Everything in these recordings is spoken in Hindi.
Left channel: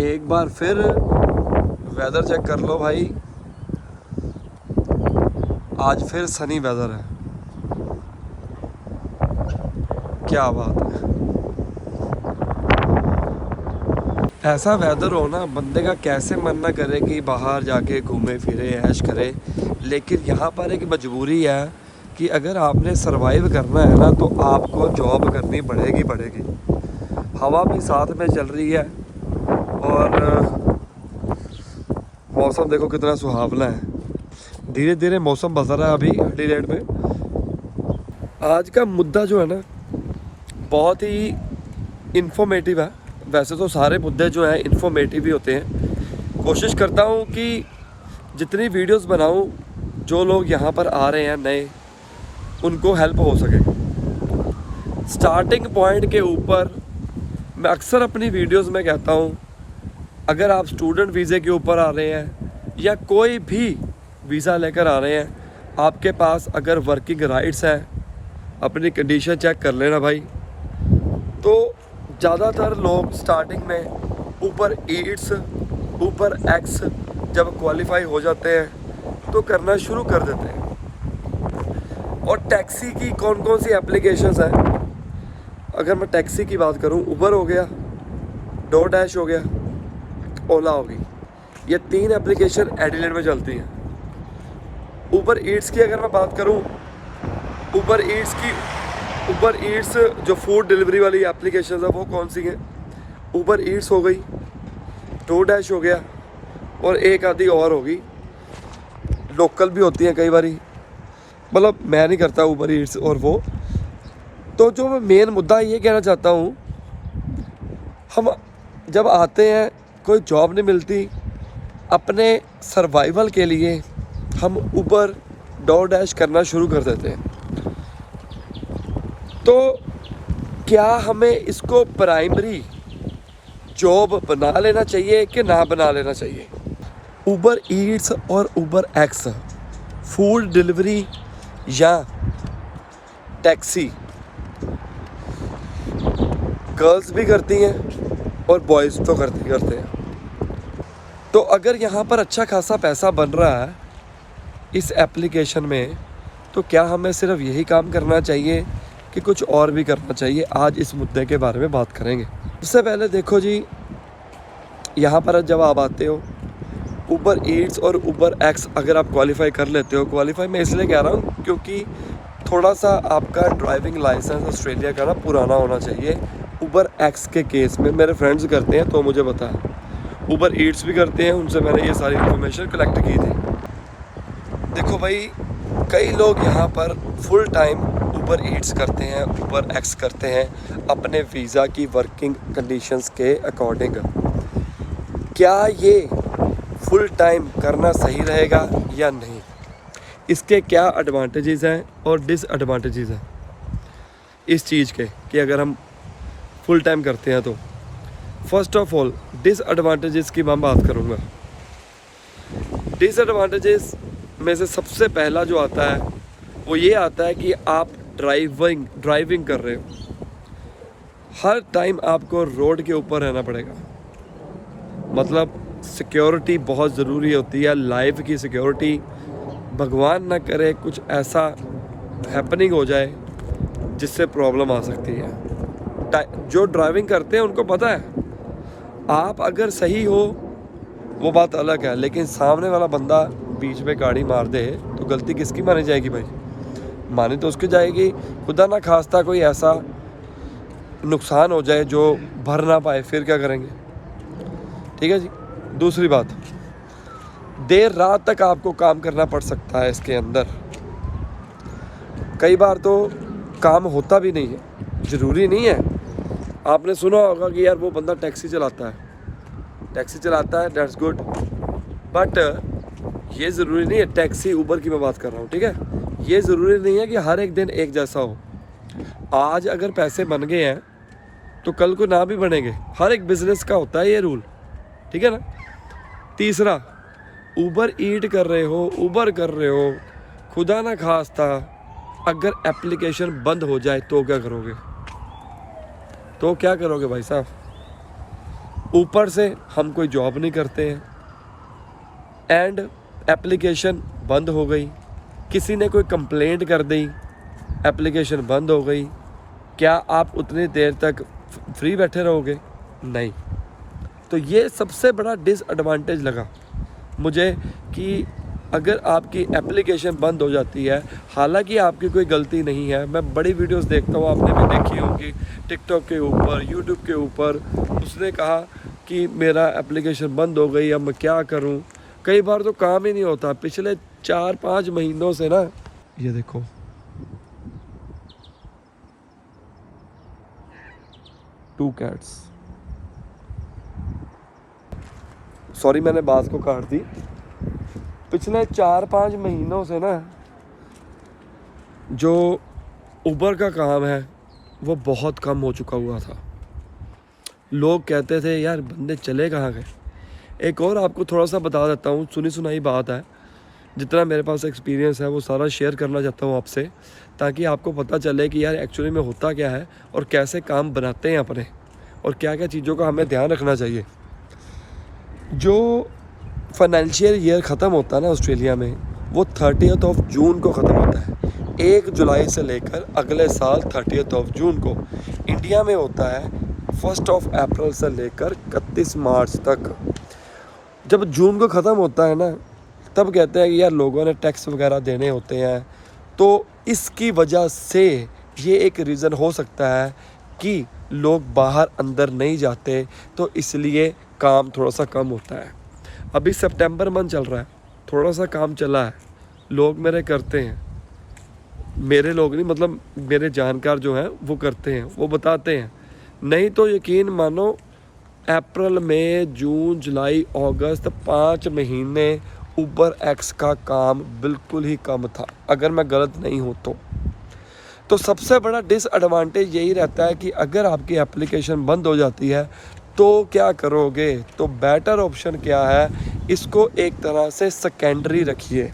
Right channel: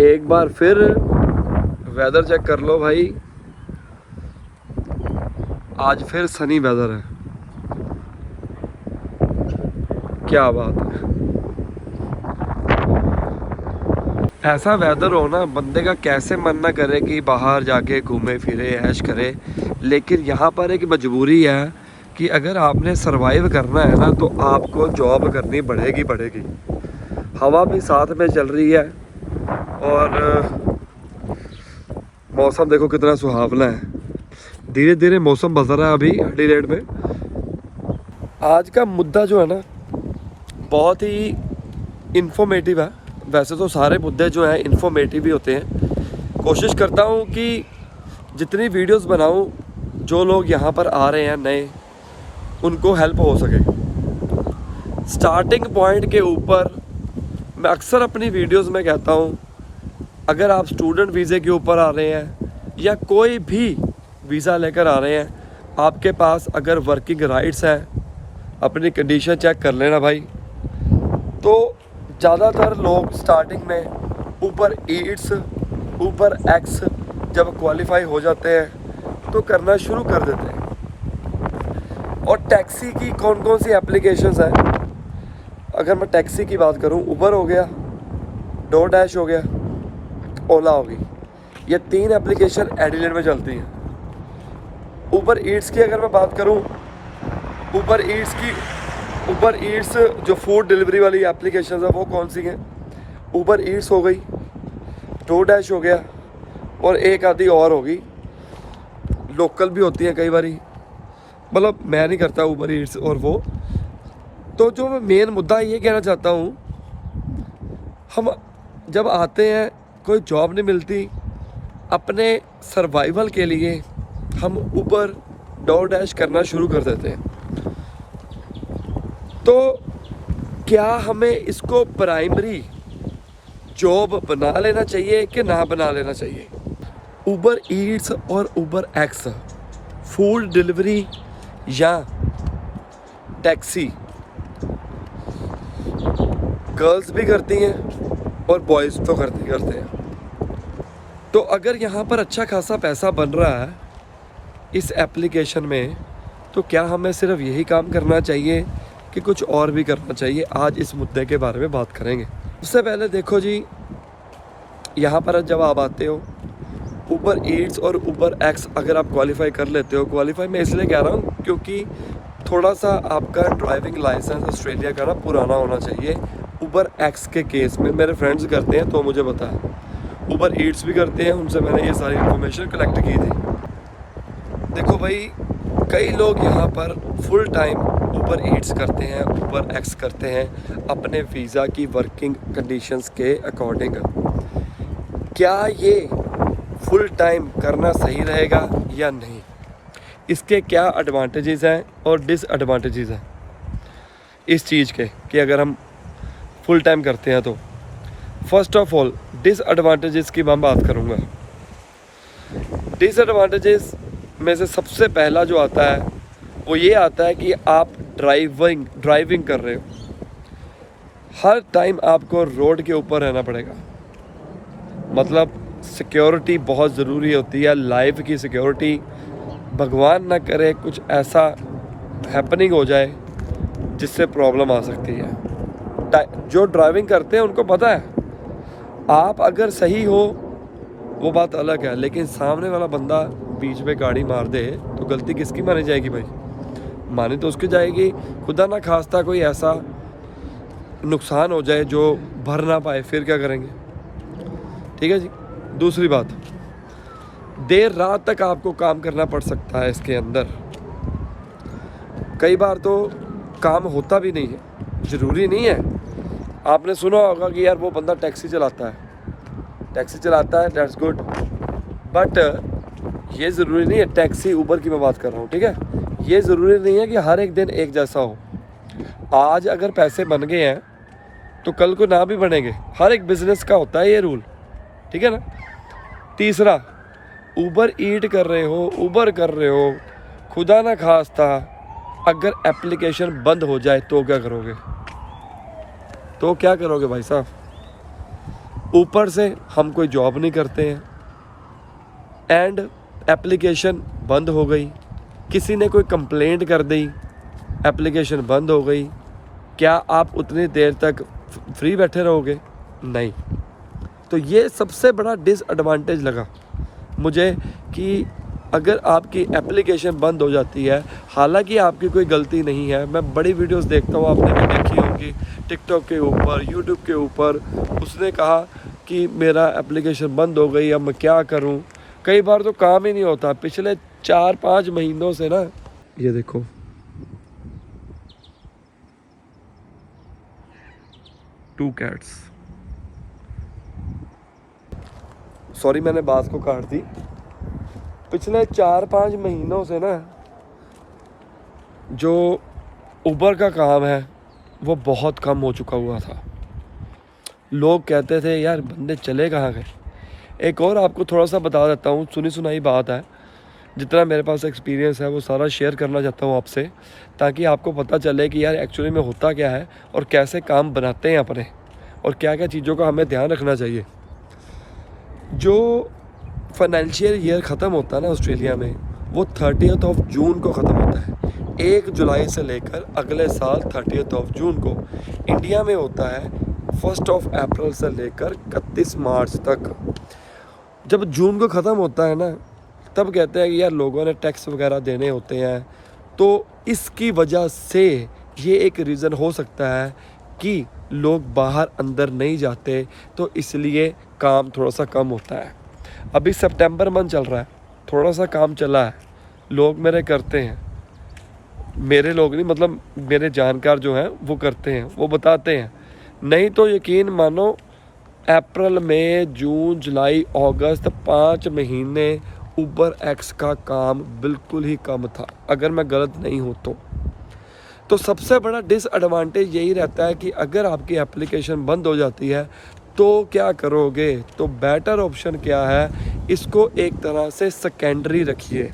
एक बार फिर वेदर चेक कर लो भाई, आज फिर सनी वेदर है। क्या बात है। ऐसा वेदर हो ना, बंदे का कैसे मन ना करे कि बाहर जाके घूमे फिरे ऐश करे, लेकिन यहाँ पर एक मजबूरी है कि अगर आपने सरवाइव करना है ना तो आपको जॉब करनी पड़ेगी। हवा भी साथ में चल रही है और मौसम देखो कितना सुहावना है। धीरे धीरे मौसम बदल रहा है अभी एडिलेड में। आज का मुद्दा जो है ना बहुत ही इन्फॉर्मेटिव है। वैसे तो सारे मुद्दे जो हैं इन्फॉर्मेटिव ही होते हैं। कोशिश करता हूँ कि जितनी वीडियोस बनाऊँ, जो लोग यहाँ पर आ रहे हैं नए, उनको हेल्प हो सके। स्टार्टिंग पॉइंट के ऊपर मैं अक्सर अपनी वीडियोस में कहता हूँ, अगर आप स्टूडेंट वीज़े के ऊपर आ रहे हैं या कोई भी वीज़ा लेकर आ रहे हैं, आपके पास अगर वर्किंग राइट्स हैं, अपनी कंडीशन चेक कर लेना भाई। तो ज़्यादातर लोग स्टार्टिंग में ऊबर ईट्स, ऊबर एक्स जब क्वालिफाई हो जाते हैं तो करना शुरू कर देते हैं। और टैक्सी की कौन कौन सी एप्लीकेशंस हैं? अगर मैं टैक्सी की बात करूं, ऊबर हो गया, डोर डैश हो गया, ओला होगी। ये 3 एप्लीकेशन एडिलेड में चलती हैं। ऊबर ईट्स की अगर मैं बात करूं, ऊबर ईट्स जो फूड डिलीवरी वाली एप्लीकेशन है वो कौन सी हैं? ऊबर ईट्स हो गई, डोर डैश हो गया और एक आधी और होगी, लोकल भी होती हैं कई बारी। मतलब मैं नहीं करता ऊबर ईट्स और वो। तो जो मैं मेन मुद्दा ये कहना चाहता हूँ, हम जब आते हैं कोई जॉब नहीं मिलती, अपने सर्वाइवल के लिए हम ऊबर डोर डैश करना शुरू कर देते हैं। तो क्या हमें इसको प्राइमरी जॉब बना लेना चाहिए कि ना बना लेना चाहिए? ऊबर ईट्स और ऊबर एक्स फूड डिलीवरी या टैक्सी गर्ल्स भी करती हैं और बॉयज़ तो करते हैं। तो अगर यहाँ पर अच्छा खासा पैसा बन रहा है इस एप्लीकेशन में, तो क्या हमें सिर्फ यही काम करना चाहिए कि कुछ और भी करना चाहिए? आज इस मुद्दे के बारे में बात करेंगे। उससे पहले देखो जी, यहाँ पर जब आप आते हो ऊबर ईट्स और ऊबर एक्स अगर आप क्वालिफाई कर लेते हो, क्वालिफाई मैं इसलिए कह रहा हूँ क्योंकि थोड़ा सा आपका ड्राइविंग लाइसेंस ऑस्ट्रेलिया का ना पुराना होना चाहिए। ऊबर एक्स के केस में मेरे फ्रेंड्स करते हैं तो मुझे पता है, ऊबर ईट्स भी करते हैं, उनसे मैंने ये सारी इन्फॉर्मेशन कलेक्ट की थी। देखो भाई, कई लोग यहाँ पर फुल टाइम ऊबर ईट्स करते हैं, ऊबर एक्स करते हैं अपने वीज़ा की वर्किंग कंडीशंस के अकॉर्डिंग। क्या ये फुल टाइम करना सही रहेगा या नहीं? इसके क्या एडवांटेजेस हैं और डिसएडवांटेजेस हैं इस चीज़ के कि अगर हम फुल टाइम करते हैं तो? फर्स्ट ऑफ ऑल डिसएडवांटेजेस की मैं बात करूँगा। डिसएडवांटेजेस में से सबसे पहला जो आता है वो ये आता है कि आप ड्राइविंग कर रहे हो, हर टाइम आपको रोड के ऊपर रहना पड़ेगा। मतलब सिक्योरिटी बहुत ज़रूरी होती है, लाइफ की सिक्योरिटी। भगवान ना करे कुछ ऐसा हैपनिंग हो जाए जिससे प्रॉब्लम आ सकती है। जो ड्राइविंग करते हैं उनको पता है, आप अगर सही हो वो बात अलग है, लेकिन सामने वाला बंदा बीच में गाड़ी मार दे तो गलती किसकी मानी जाएगी भाई? मानी तो उसकी जाएगी। खुदा ना खास्ता कोई ऐसा नुकसान हो जाए जो भर ना पाए, फिर क्या करेंगे? ठीक है जी। दूसरी बात, देर रात तक आपको काम करना पड़ सकता है इसके अंदर। कई बार तो काम होता भी नहीं है, ज़रूरी नहीं है। आपने सुना होगा कि यार वो बंदा टैक्सी चलाता है, दैट्स गुड, बट ये ज़रूरी नहीं है। टैक्सी ऊबर की मैं बात कर रहा हूँ, ठीक है? ये ज़रूरी नहीं है कि हर एक दिन एक जैसा हो। आज अगर पैसे बन गए हैं तो कल को ना भी बनेंगे। हर एक बिज़नेस का होता है ये रूल, ठीक है ना? तीसरा, ऊबर ईट कर रहे हो, ऊबर कर रहे हो, खुदा ना खास्ता अगर एप्लीकेशन बंद हो जाए तो क्या करोगे? भाई साहब? ऊपर से हम कोई जॉब नहीं करते हैं एंड एप्लीकेशन बंद हो गई, किसी ने कोई कंप्लेंट कर दी, एप्लीकेशन बंद हो गई। क्या आप उतनी देर तक फ्री बैठे रहोगे? नहीं। तो ये सबसे बड़ा डिसएडवांटेज लगा मुझे कि अगर आपकी एप्लीकेशन बंद हो जाती है, हालांकि आपकी कोई गलती नहीं है। मैं बड़ी वीडियोस देखता हूँ, आपने भी देखी होगी टिकटॉक के ऊपर, यूट्यूब के ऊपर। उसने कहा कि मेरा एप्लीकेशन बंद हो गई, अब मैं क्या करूँ। कई बार तो काम ही नहीं होता। पिछले 4-5 महीनों से ना, ये देखो, टू कैट्स, सॉरी मैंने बात को काट दी। पिछले 4-5 महीनों से ना जो उबर का काम है वो बहुत कम हो चुका हुआ था। लोग कहते थे यार बंदे चले कहाँ गए। एक और आपको थोड़ा सा बता देता हूँ, सुनी सुनाई बात है, जितना मेरे पास एक्सपीरियंस है वो सारा शेयर करना चाहता हूँ आपसे, ताकि आपको पता चले कि यार एक्चुअली में होता क्या है और कैसे काम बनाते हैं अपने, और क्या क्या चीज़ों का हमें ध्यान रखना चाहिए। जो फाइनेंशियल ईयर ख़त्म होता है ना ऑस्ट्रेलिया में, वो 30 जून को ख़त्म होता है। 1 जुलाई से लेकर अगले साल 30 जून को। इंडिया में होता है 1 अप्रैल से लेकर 31 मार्च तक। जब जून को ख़त्म होता है ना, तब कहते हैं कि यार लोगों ने टैक्स वगैरह देने होते हैं, तो इसकी वजह से ये एक रीज़न हो सकता है कि लोग बाहर अंदर नहीं जाते, तो इसलिए काम थोड़ा सा कम होता है। अभी सितंबर मंथ चल रहा है, थोड़ा सा काम चला है, लोग मेरे करते हैं, मेरे लोग नहीं मतलब मेरे जानकार जो हैं वो करते हैं, वो बताते हैं। नहीं तो यकीन मानो अप्रैल मई जून जुलाई अगस्त 5 महीने उबर एक्स का काम बिल्कुल ही कम था, अगर मैं गलत नहीं हूँ तो सबसे बड़ा डिसएडवांटेज यही रहता है कि अगर आपकी एप्लीकेशन बंद हो जाती है तो क्या करोगे। तो बेटर ऑप्शन क्या है, इसको एक तरह से सेकेंडरी रखिए।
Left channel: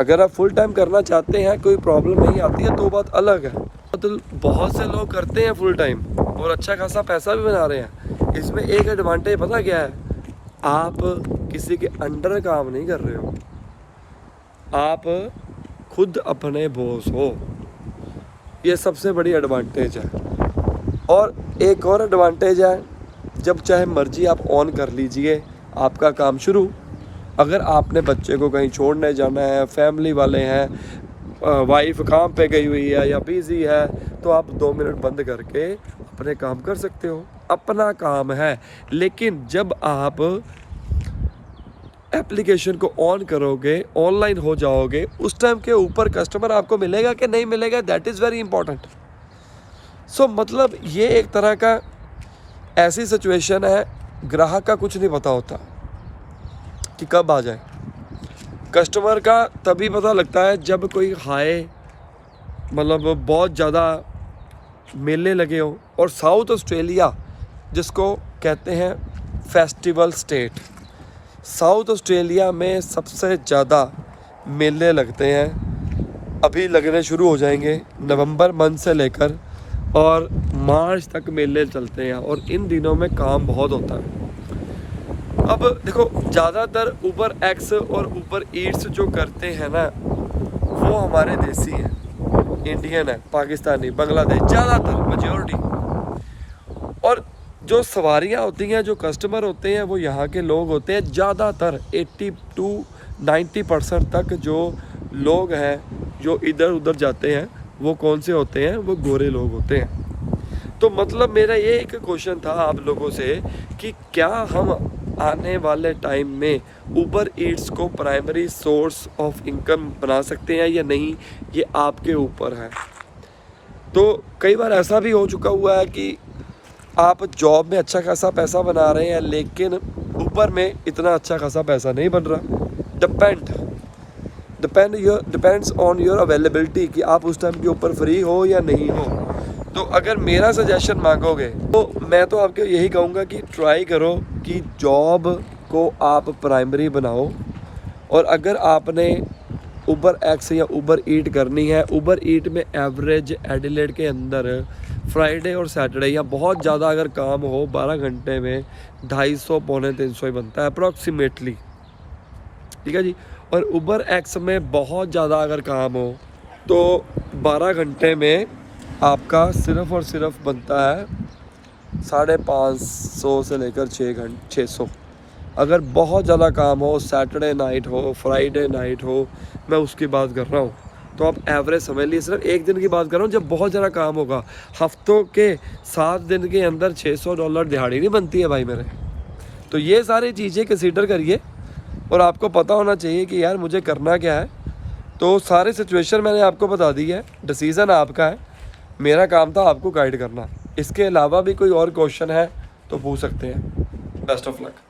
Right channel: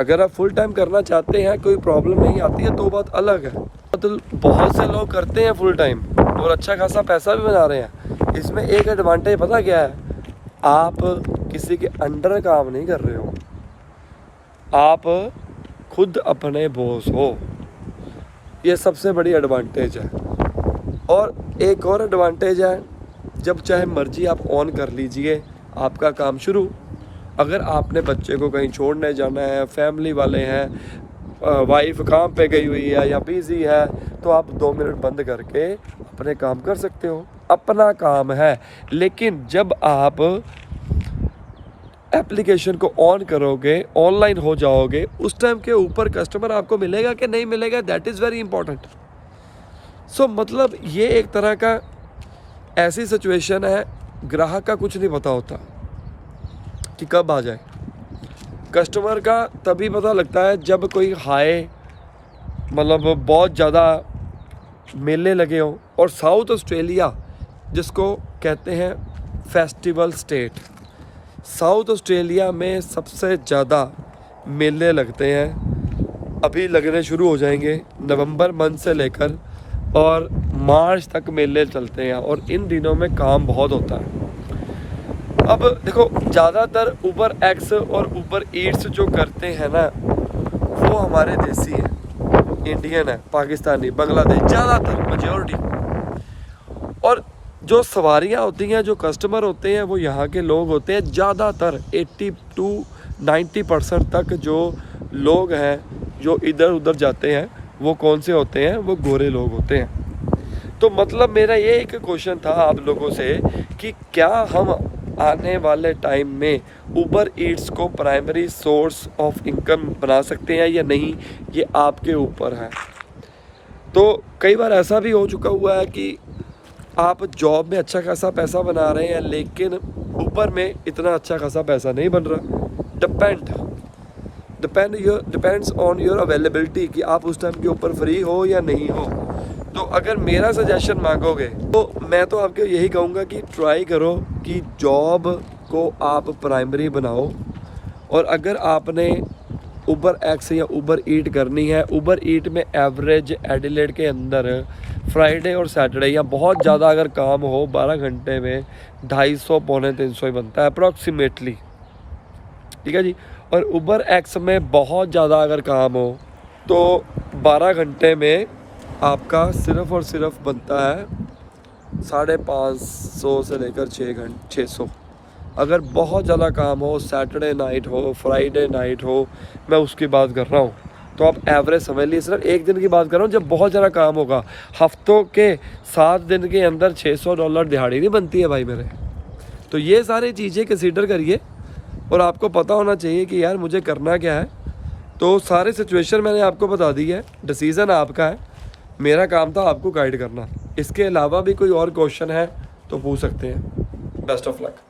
अगर आप फुल टाइम करना चाहते हैं, कोई प्रॉब्लम नहीं आती है, तो बात अलग है। तो बहुत से लोग करते हैं फुल टाइम और अच्छा खासा पैसा भी बना रहे हैं। इसमें एक एडवांटेज पता क्या है, आप किसी के अंडर काम नहीं कर रहे हो, आप खुद अपने बॉस हो। ये सबसे बड़ी एडवांटेज है। और एक और एडवांटेज है, जब चाहे मर्जी आप ऑन कर लीजिए आपका काम शुरू। अगर आपने बच्चे को कहीं छोड़ने जाना है, फैमिली वाले हैं, वाइफ काम पे गई हुई है या बिजी है, तो आप 2 मिनट बंद करके अपने काम कर सकते हो, अपना काम है। लेकिन जब आप एप्लीकेशन को ऑन करोगे, ऑनलाइन हो जाओगे, उस टाइम के ऊपर कस्टमर आपको मिलेगा कि नहीं मिलेगा, दैट इज़ वेरी इंपॉर्टेंट। सो मतलब ये एक तरह का ऐसी सिचुएशन है, ग्राहक का कुछ नहीं पता होता कि कब आ जाए। कस्टमर का तभी पता लगता है जब कोई हाई मतलब बहुत ज़्यादा मेले लगे हों। और साउथ ऑस्ट्रेलिया जिसको कहते हैं फेस्टिवल स्टेट, साउथ ऑस्ट्रेलिया में सबसे ज़्यादा मेले लगते हैं। अभी लगने शुरू हो जाएंगे नवंबर मंथ से लेकर और मार्च तक मेले चलते हैं, और इन दिनों में काम बहुत होता है। अब देखो, ज़्यादातर उबर एक्स और उबर ईट्स जो करते हैं ना, वो हमारे देसी हैं, इंडियन है, पाकिस्तानी, बांग्लादेश, ज़्यादातर मेजॉरिटी। और जो सवारियाँ होती हैं, जो कस्टमर होते हैं, वो यहाँ के लोग होते हैं। ज़्यादातर 80 to 90% तक जो लोग हैं जो इधर उधर जाते हैं, वो कौन से होते हैं, वो गोरे लोग होते हैं। तो मतलब मेरा ये एक क्वेश्चन था आप लोगों से कि क्या हम आने वाले टाइम में उबर ईट्स को प्राइमरी सोर्स ऑफ इनकम बना सकते हैं या नहीं, ये आपके ऊपर है। तो कई बार ऐसा भी हो चुका हुआ है कि आप जॉब में अच्छा खासा पैसा बना रहे हैं, लेकिन ऊपर में इतना अच्छा खासा पैसा नहीं बन रहा। डिपेंड्स ऑन योर अवेलेबिलिटी कि आप उस टाइम के ऊपर फ्री हो या नहीं हो। तो अगर मेरा सजेशन मांगोगे तो मैं तो आपको यही कहूँगा कि ट्राई करो कि जॉब को आप प्राइमरी बनाओ। और अगर आपने उबर एक्स या उबर ईट करनी है। उबर ईट में एवरेज एडिलेड के अंदर फ्राइडे और सैटरडे या बहुत ज़्यादा अगर काम हो 12 घंटे में 250 पौने 300 ही बनता है अप्रॉक्सीमेटली, ठीक है जी। और उबर एक्स में बहुत ज़्यादा अगर काम हो तो 12 घंटे में आपका सिर्फ़ और सिर्फ बनता है 550 से लेकर 600। अगर बहुत ज़्यादा काम हो, सैटरडे नाइट हो, फ्राइडे नाइट हो, मैं उसकी बात कर रहा हूँ, तो आप एवरेज समझ लीजिए। सिर्फ एक दिन की बात कर रहा हूँ जब बहुत ज़्यादा काम होगा। हफ्तों के 7 दिन के अंदर $600 दिहाड़ी नहीं बनती है भाई मेरे। तो ये सारी चीज़ें कंसीडर करिए और आपको पता होना चाहिए कि यार मुझे करना क्या है। तो सारी सिचुएशन मैंने आपको बता दी है, डिसीज़न आपका है, मेरा काम था आपको गाइड करना। इसके अलावा भी कोई और क्वेश्चन है तो पूछ सकते हैं। Best of luck.